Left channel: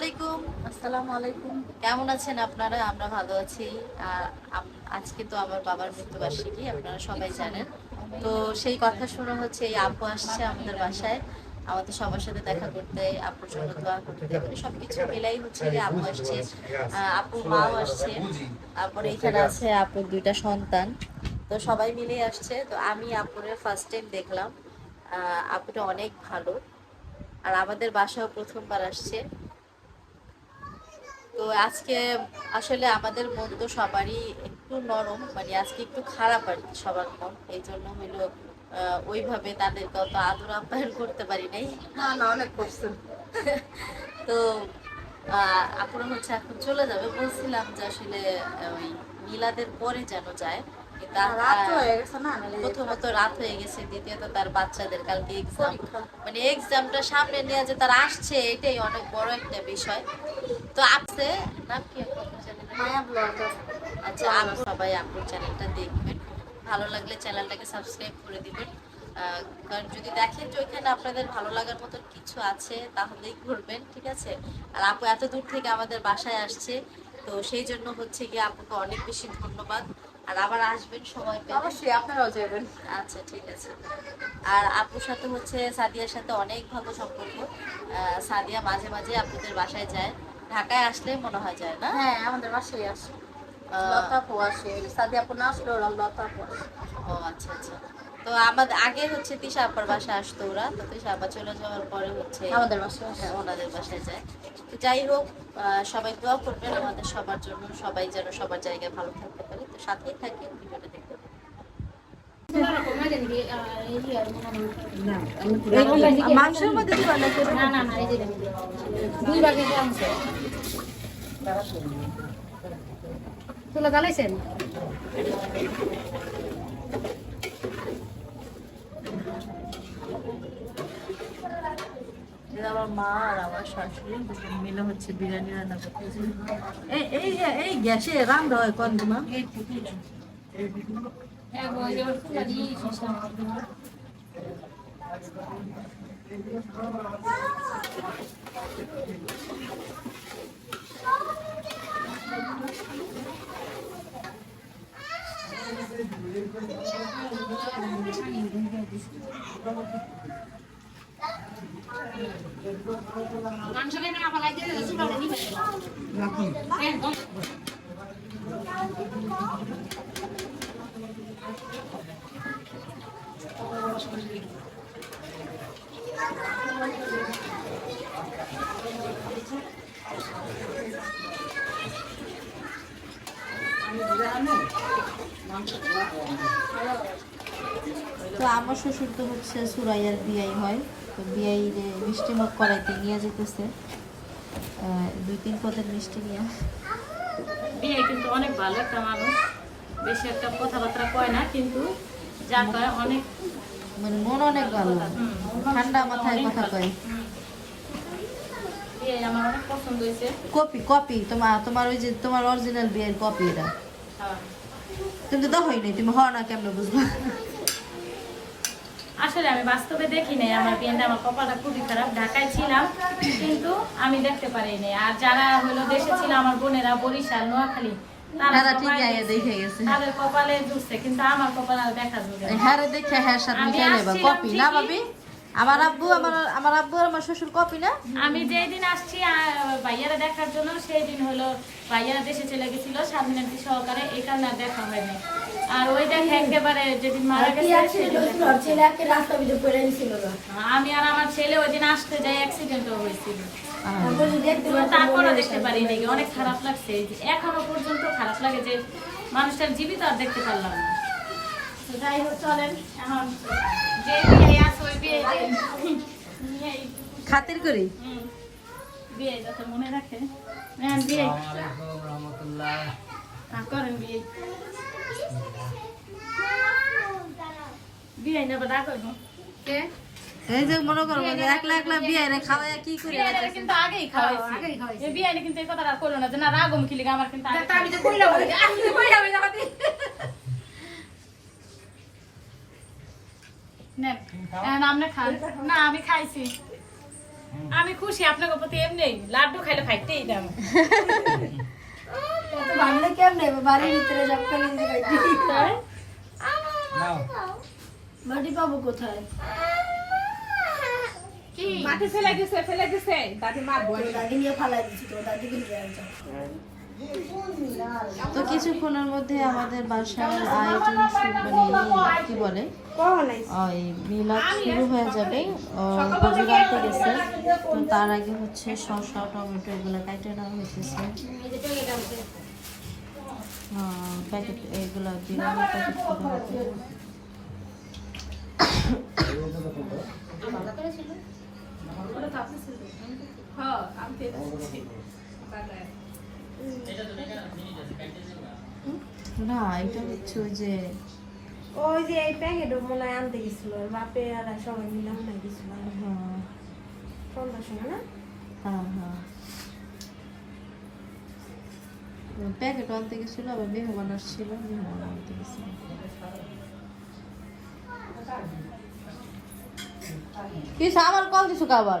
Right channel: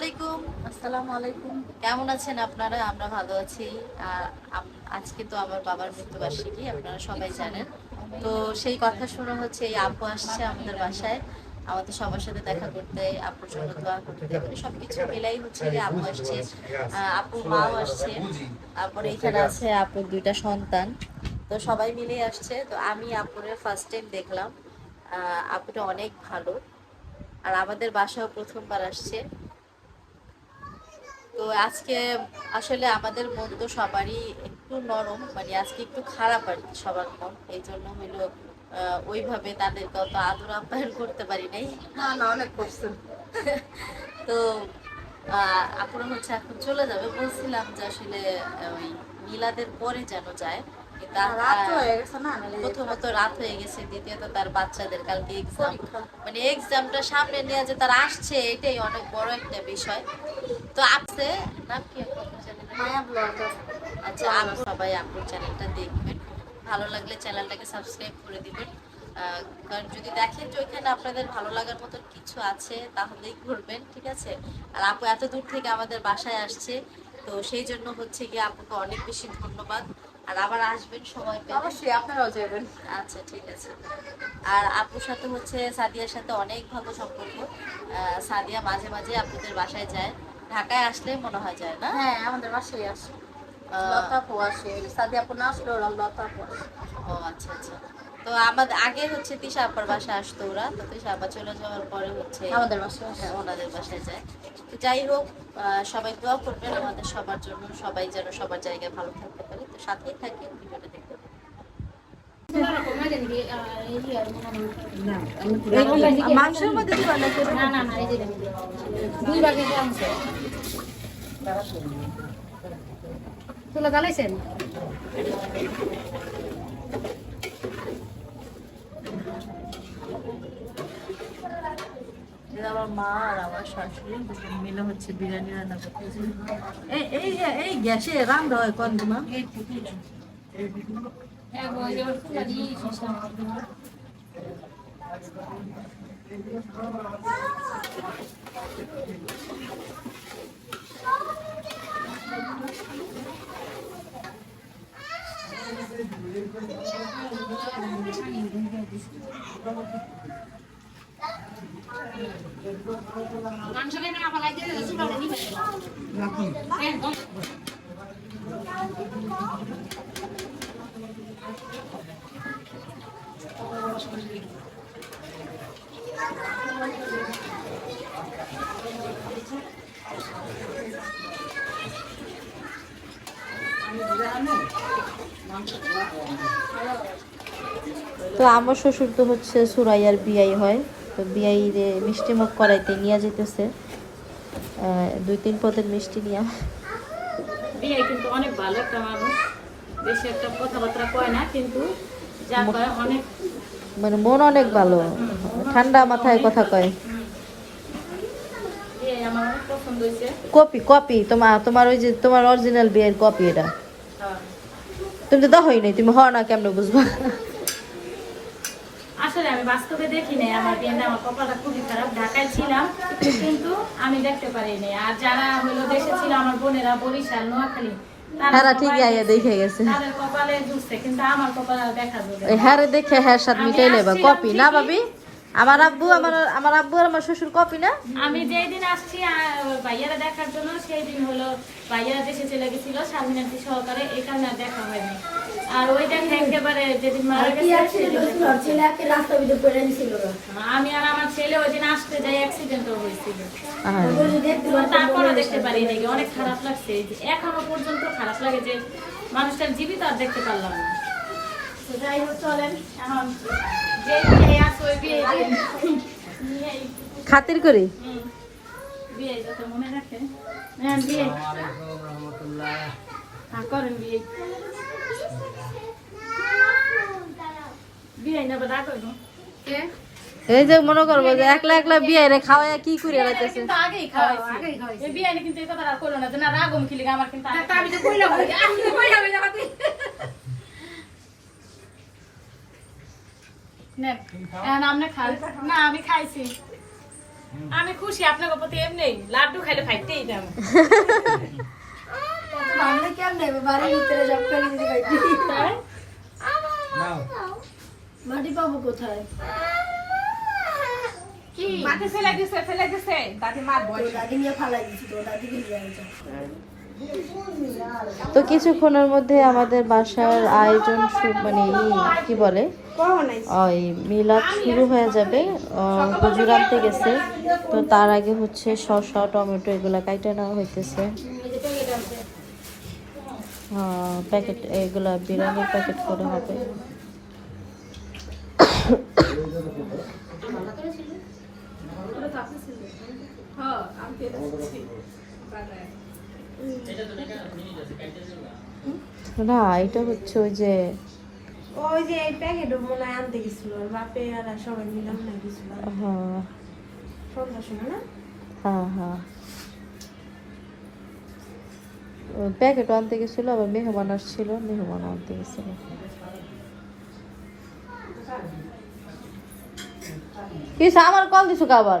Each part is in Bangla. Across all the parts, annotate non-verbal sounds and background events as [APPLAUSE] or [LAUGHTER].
আলাইকুম। আসসালামু আলাইকুম। কেমন আছেন আপনারা? আমরা ভালো আছি। আজকে তো আমার বাবার মৃত্যুবার্ষিকী আপনারা সবাই জানেন। তো সেই কথা শুনে হচ্ছে এই আপু আসছে আমাদের বাসায়। আমাদের সবার সাথে দেখা করতে আপুর জন্য দোয়া করতে মানে সবকিছু মিলাই হচ্ছে যে আপু আসছে। আপুর মাও আসছে। তারপরে এখানে আছে আপুর দুইটা সন্তান। তো সবাই মিলে আসছে। তো আমি আপুরের ফার্স্ট টাইম দেখলাম। আহ, আপুটা অনেক ভালো। আর আমাদের বাসাও প্রথমবার আসছে। তো আজকে আসলে আমাদের মন তো সবারই একটু নরম মানে আজকে একটু খারাপ আর কি সবার মন। এই জন্য হইল ওইভাবে তাদেরকে অত আদর আপ্যায়ন করতে পারি নাই। না না অনেক করছেন [LAUGHS] তো আপনার হচ্ছে এখন চলে যাবে। বলছিলাম যে আসলে ওই মিলাদের পরে যেন যায়। হয়ে গেছে প্রথমত রাত হয়ে গেছে দ্বিতীয়ত তার বাচ্চাদের কালকে এক্সাম। মানে এক্সামটা সামনে নিয়ে যে তারা আসছে এটাই অনেক বড় একটা বিষয়। তো নাম কি আচ্ছা আপু সবাই আপুর চ্যানেলটা দেখবেন। ভালো লাগলে চ্যানেলটাকে সাবস্ক্রাইব করে দিবেন। কারণ যদি দেখেন যে ওইখানে আপনাদের ভালো লাগার মতন কিছু আছে তাহলেই ঘুরবেন ঠিক আছে? আর আপু এত দূর থেকে আমাদের বাসায় আসছে তো সেই জন্য হচ্ছে গিয়ে আপুকে অনেক বেশি ধন্যবাদ। আর আবার আসবেন সময় পেলে। অবশ্যই আপনারাও যাবেন। আচ্ছা ঠিক আছে। আর আপুর সাথে হচ্ছে সাদিয়ার সাথে অনেক ভালো সম্পর্ক। সাদিয়া মাঝে মাঝে আপনাদের বাসায় যায়। ঢাকায় আসলে মনে হয় যায় না? হ্যাঁ আমাদের বাসায় আসে। লতা আপু আসে সাদিয়া আপু না আসলে ওরা লতা আপু আসে। ও আচ্ছা আচ্ছা। তো আমাদের আগে হচ্ছে তিশা আপার বাসায় আসতো ওরা তো তিশা আপা চলে যাওয়ার পরে হচ্ছে আমাদের বাসায় হ্যাঁ, ওনাদের বাসায় যায়। তো যাই হোক আহ, সবাই দোয়া করবেন আমাদের সবার জন্য সবাই যেন সবার জায়গায় ভালো থাকতে পারে। তো সাথেই থাকি ভিডিওটা দেখতে মাংসের মধ্যে না না না না এই যে দুই ভাগে আনছে। তুলে গালাইছেন মা আর আমার শাশুড়ি মিলে হচ্ছে বিরিয়ানি রান্না করতেছে। এই এই এই গ্যাসে রান্না হয় কোন মাংস কেন তো আমার শ্বশুর তো হচ্ছে সুরাইয়ার বিয়াই হয়। তো বিয়াই রে মিষ্টি মুখ করাইতে নিয়ে যেতেছে দুই তিন পদের মিষ্টি নিয়ে। বিয়ে কিন্তু অনেক ভালো একটা মানুষ। বেশি একটা কথাবার্তা কয় না কিন্তু যা কয় অনেক মানে মন অনেক ভালো। ঠান্ডা মাথায় কথা কয়। কপি কপি তোমার তোমার ওই যে তোমার অরিজিনাল বিয়ের কপি এটা। তুমি তো দহই নাই তুমি হও না কেমন বুঝবা? আসলে আমি বাস্তবে দেখি নাই আমার বিয়েটা আমার কপালটা খুবই খারাপ ঢাকায় ছিলাম কিন্তু আমি দেখতে পারিনি আর যারা হলো দেশে ছিল আমার বোনেরা বরিশাল নোয়াখালী তারা ঠিক ঠিকই আইয়া দেখে গেছে। তাদের কপালে জুটছে কিন্তু আমার কপাল আর দেখা যাবে হ্যাঁ দেখে হ্যাঁ সাথে মিটাই নেবা কপি না। ভাবি? আমার আব্বু আমার আমার আব্বু আর আমার শ্বশুর কপি না? আমি যেই দিন আসছি আর ভাইয়ারা দেখার জন্য সেই দিন হলো ভাইয়ারা দেশে চলে গেছিল স্বাধীনতি সহকারে এই কারণে আর দেখা হয়নি। আর ওই দেখা একেবারে যেদিন মারা গেছে আমি আর আমার ছেলে ওই দিন আসতে যাই অ্যাক্সিডেন্টও হয়েছিল। তারপরও দেখতে পারি নাকি অনেক খারাপ লাগছে। এখনও পর্যন্ত খারাপ লাগে যে মানুষটার জীবিত আর দেখতে পারলাম না। তো যাই হোক চলেন এখন খাতির করি মনে হ্যাঁ হ্যাঁ এই যে মনে করব যে একলা একলা বিয়ে রে খাওয়ায় কি করে বিয়ে কিন্তু করল না রাগম লিগা আমার কিন্তু নেন। আপনি খান। না আমি খাইছি। আমি খুশি আপনাকে প্রতি এমনি। লাড্ডু খাইলে খাইতেই দাম বাংলা কেমনে? বাড়ির ভিতরে সব ফেলে দিতে পারি। মাটি পাবো কোথায়? মাটি ফেলে দিছে ফেলে দিছে। দাদি মা তোর দাদি নিয়ে ফালাই দিচ্ছি তোর দাদিকে নিয়ে আসছে তো কিছুক্ষণের মধ্যে আমাদের বাসার আয়োজন মানে কি বলে ওই মিলাদ শুরু হয়ে যাবে হুজুর আনতে গেছে তো তার আগে হচ্ছে শসা টমেটো এগুলো কাইটে নেওয়া হইতেছে প্যাকেট এগুলা বিরিয়ানির প্যাকেট করে হবে না এটা হচ্ছে ওই যে ওই যে এই প্যাকেট মনে হয় আনতে গেছিল বাপে আর সবাই মিলে আনতে গেছিল। হ্যাঁ। সন্ধ্যার সময় না? হ্যাঁ হ্যাঁ। প্যাকেট আনতে গেছিল আবার মেহমান আসছিল মেহমান আনতে গেছিল। কি আমার কল দিছো আবার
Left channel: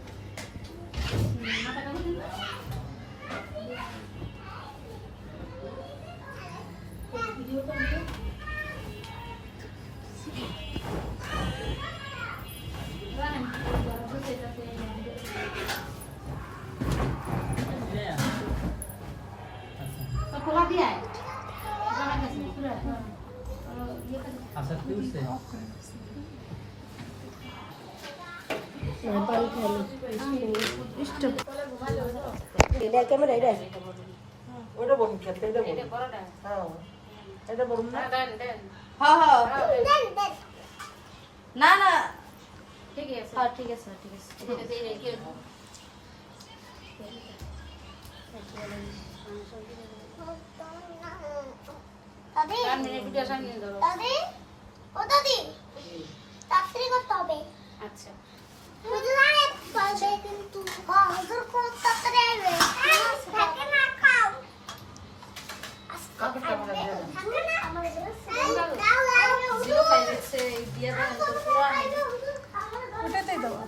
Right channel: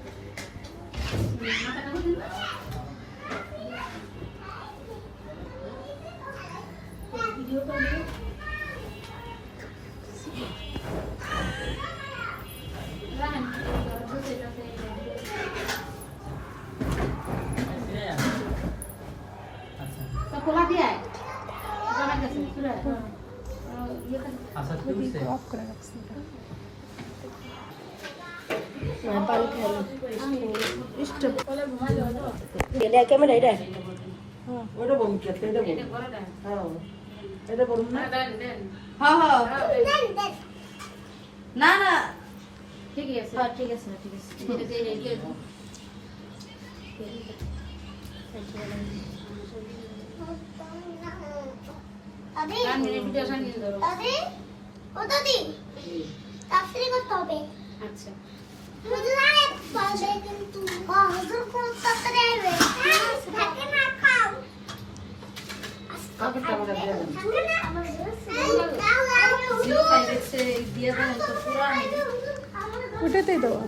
এই কারণে চলে গেছে তোমারটা হয়েছে এখন এটা ওটা বলুন এটা বলুন। হ্যাঁ এটা বলুন না। হ্যাঁ হ্যাঁ না না। ঠিক আছে। হ্যাঁ ঠিক আছে ঠিক আছে। আচ্ছা হুজুর আরে বলবে ও হুজুর পুরো তাড়াতাড়ি আসবে থাকে না খাও কাপড় কাপড় দিয়ে দেন ওটাতেই দেওয়া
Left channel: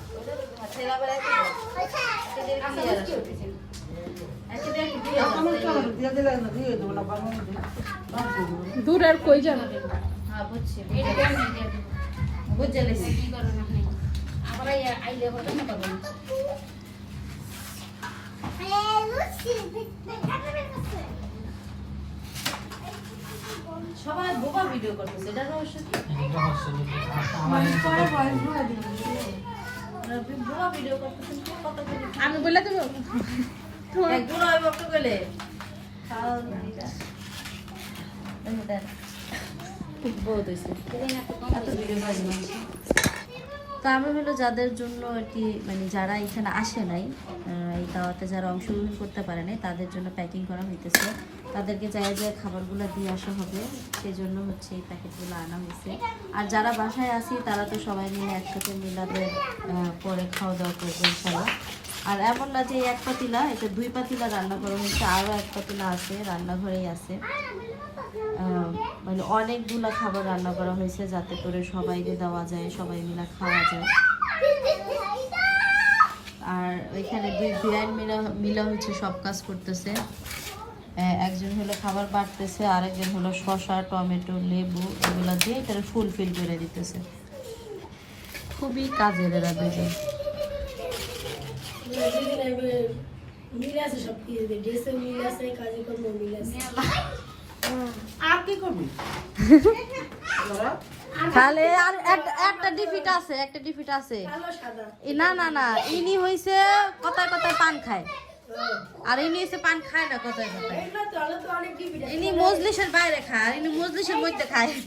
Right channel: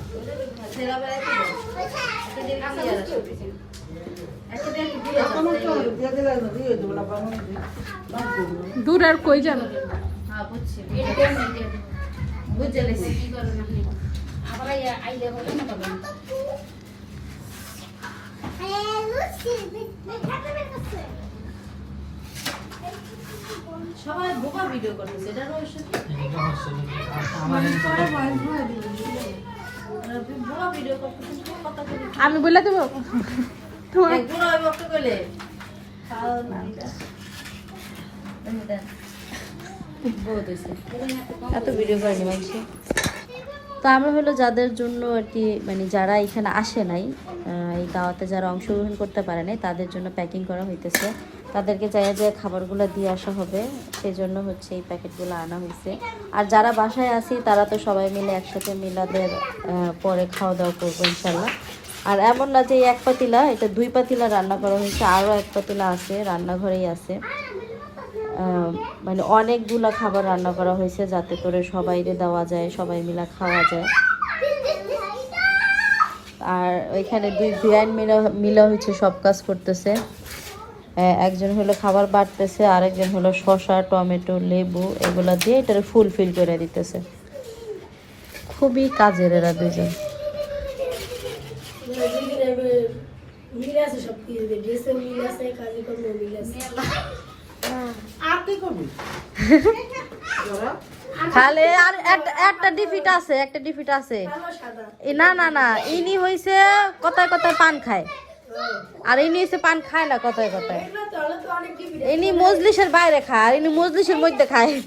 কাপড় কাপড় দিয়ে দিলে না দিয়ে দেবো। না বাবা দূর আর কই যাবে হ্যাঁ বুঝছি বুঝে লেছি সবাই বোবা ভিডিও করতেছে এটা রহস্য কি? বোবা ভিডিও করতেছে আমি বলে দেবো। এত ভিডিও করে তো আমরা হলো যাদের জন্য আর কি মানে যারা এখানে আসে নাই এই দাওয়াতে যারা অংশগ্রহণ করতে পারে নাই, তাদের জন্য প্যাকিং করা হইতেছে। তাদেরকে চাই যে খাবারগুলো দিয়ে আসা হবে সেই জন্য হচ্ছে এই প্যাকেটগুলো আনা হয়েছে আর যারা বাসায় আসি তারা তো সবাই মিলে একসাথে মিলাদের পরে খাওয়া দাওয়া করব ইনশাল্লাহ আর এমন না যে এক পাতিলা, এটা দুই পাতিলা রান্না করা হয়েছে আরও এক পাতিলা আছে, রান্নাঘরেই আছে। মানে অনেকগুলা খাবার রান্না করা হয়েছে যাতে করে সবাইকে দেওয়া যায়, সবাই মিলে খাওয়া যায়। আর ওইখানে দুই বিয়ান মিলা মিলা হচ্ছে সব কাজ করতেছে। একজন হলো খাবার বাড়তেছে, আরেকজন হলো শসা, টমেটো, লেবু, এগুলা দিয়ে এটার ফুলফিল করে দিতেছে। খুবই কাজের এরা দুজন মিল আছে সব কিছু মিল আছে, কাজে কর্মে মিল আছে? আর করবি? খালি আর একটা- একটা ডিফিট আছে একটা ডিফিট আছে। না না না ইনি হইছে কথায় কথায় পান খায়। আর ইনি হইছে পান খায় না কথায় কথায়। ইনি মজলিসের বাইরে খায় আর ইনি মজলিসের মধ্যে খায়।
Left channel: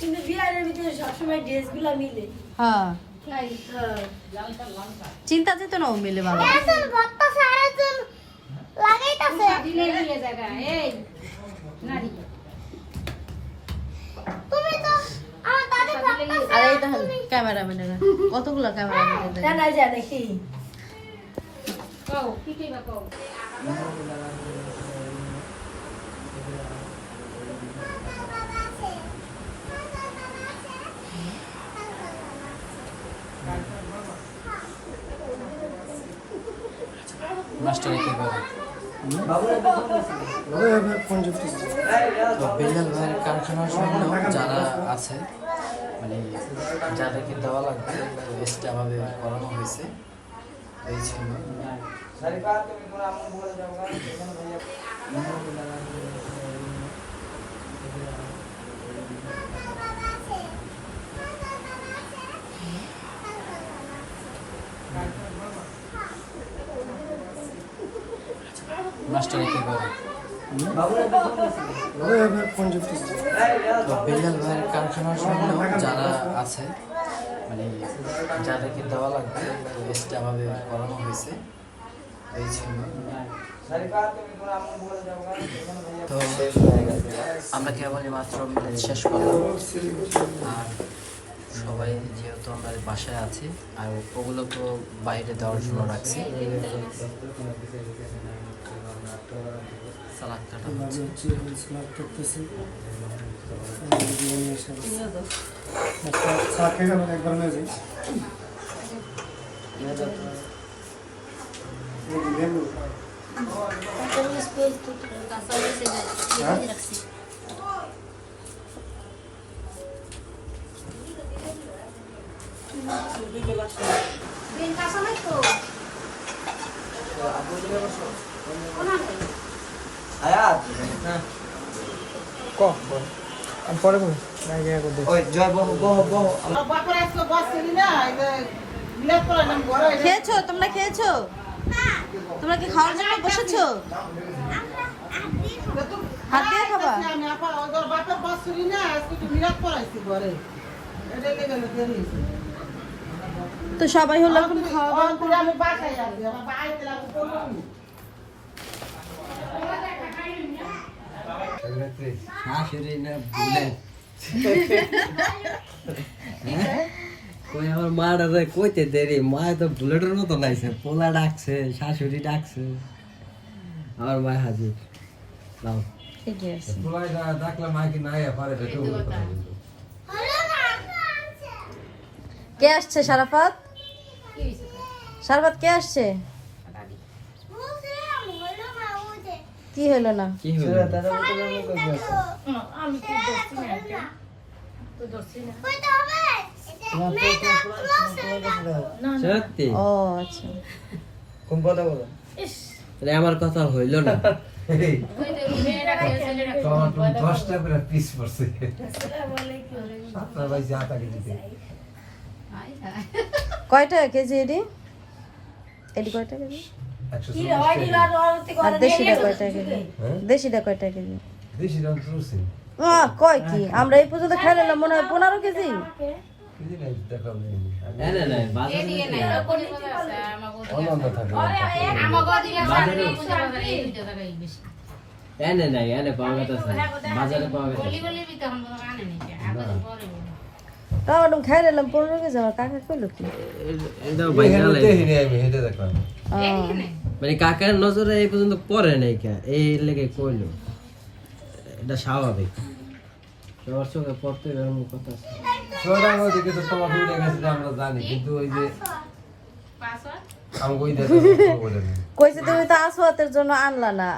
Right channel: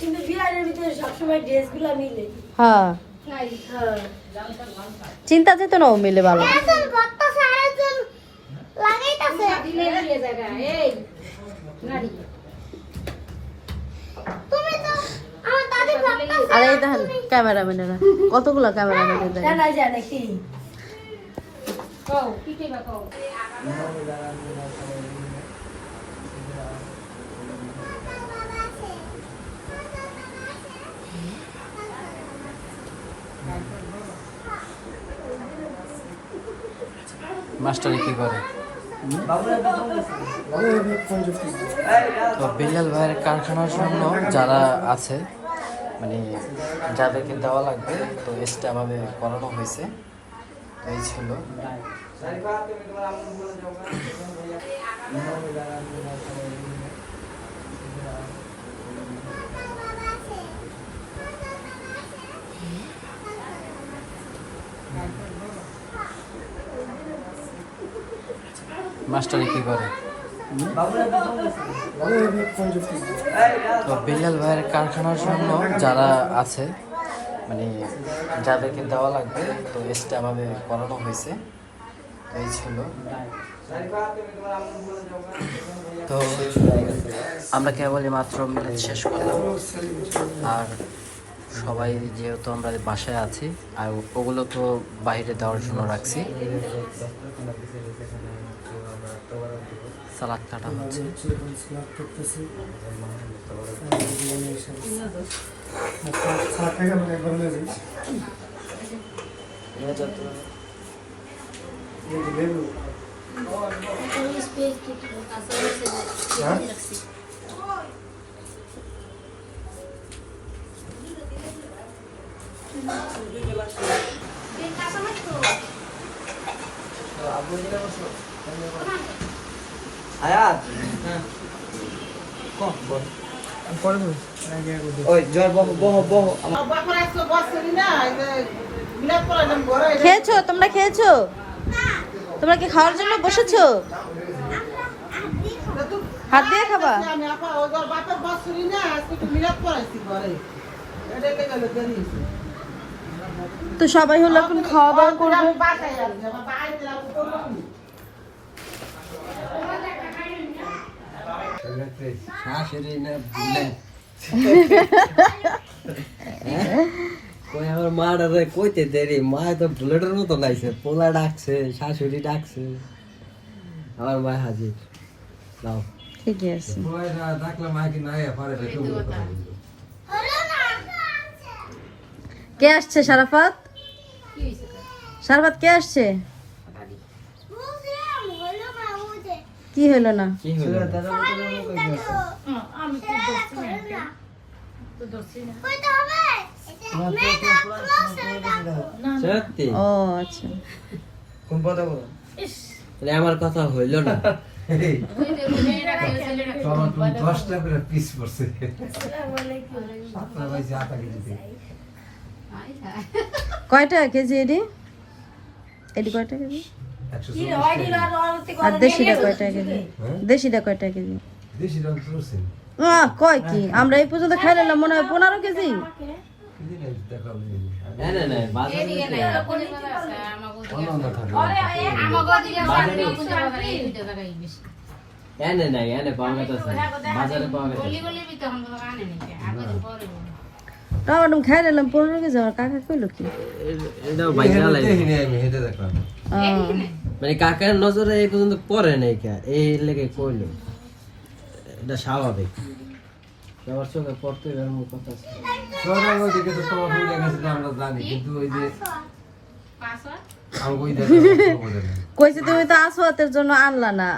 কিন্তু বিহারের ভিতরে সবসময় ড্রেসগুলো মিলে। হ্যাঁ। চিন্তা যেত না ও মিলে ভালো। এখন বত্তা সারা জন লাগাইতাছে তুমি তো আমার দাদি আরে এটা ক্যামেরাম্যানেরা কতগুলো ক্যামেরাম্যান জানা যায় নাকি মাস্টারে কি করে? তো বিল্লাল ভাইয়ের কারখানার জন্য যারা আছে মানে যাদেরকে দেওয়া লাগবে, তো লিস্টে আমাদের করানো হয়েছে। এই ছিল। মাস্টারে কি করে? তো বিল্লাল ভাইয়ের কারখানার জন্য যারা আছে মানে যাদেরকে দেওয়া লাগবে, তো লিস্টে আমাদের করানো হয়েছে। এই ছিল। তো আমরা কেবলই মাত্র শেষ করলাম। আর সবাই যেহেতু আমরা বাসায় আছি আর ওগুলো তো বাইরে দেওয়ার জন্য রাখছি। সালাদ কাটা হচ্ছে। খেয়েছো? তোমরা খেয়েছো? তোমরা কি খাওয়ার জন্য বসেছো? হাত দিয়ে খাবা? তো সবাই হলো এখন খাওয়া দাওয়া করবে আমার মা রে কইতে দেরি মা তো বুলেটের মতো নাইছে পোলা ডাকছে শাশুড়ি ডাকছে। আমার মা হাজির। নাও। ঠিকই আছে। ডাকলে মা কি নাই পারে কে আসছে সারাফাত? সারাফাত কে আসছে? না? কি হলো? না হয়ে ও আচ্ছা। কোন কথা বলো? আমার কথা হইল না। দশটা করে পিস পড়ছে। সাতটা বাজে আটা কেজি। [LAUGHS] কয়টা কেজি একশো কি চল্লিশ হয় কেজি। আর দেশিটা কয়টা কেজি? দেশিটা কয়টা কেজি? দেশি রং চলছে আহ, কয় কি? আমরা এই পর্যন্ত খাই নিলাম মনে হয় পনেরো কেজি। কেজি বাজারে এনে নাই এনে পাওয়া গেছে। বাজারে পাওয়া গেছে। খাই নিলাম পনেরো কেজি আমার কাকা কইলো কি মানে কাকের নজরে এই পর্যন্ত পড়ে নাই কে এই লেগে কইলো এটা স্বাভাবিক সবার চোখে পড়তে গেলাম কথা আছে। সোনার ওইদিকে তো তোমার ফুলে গেছে আমরা জানি কিন্তু ওই যে ওই কইছে তুমি তো আসোয়াতের জন্য আনলা না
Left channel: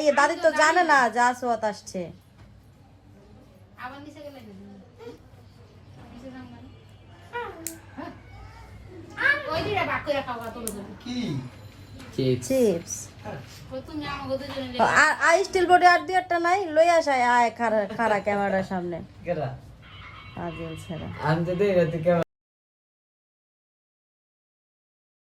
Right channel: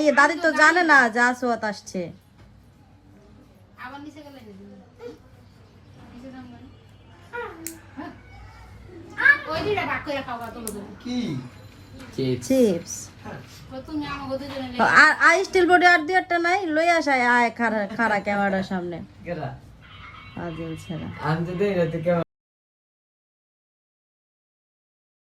ইয়ে দাদি তো জানে না যে আসোয়াত আসছে কি? চিপস চিপস আর আই স্টিল বোর্ডে আর দিয়ারটা নাই লই আসায় আয় খারা খারা ক্যামেরার সামনে। ছেড়া আমি তো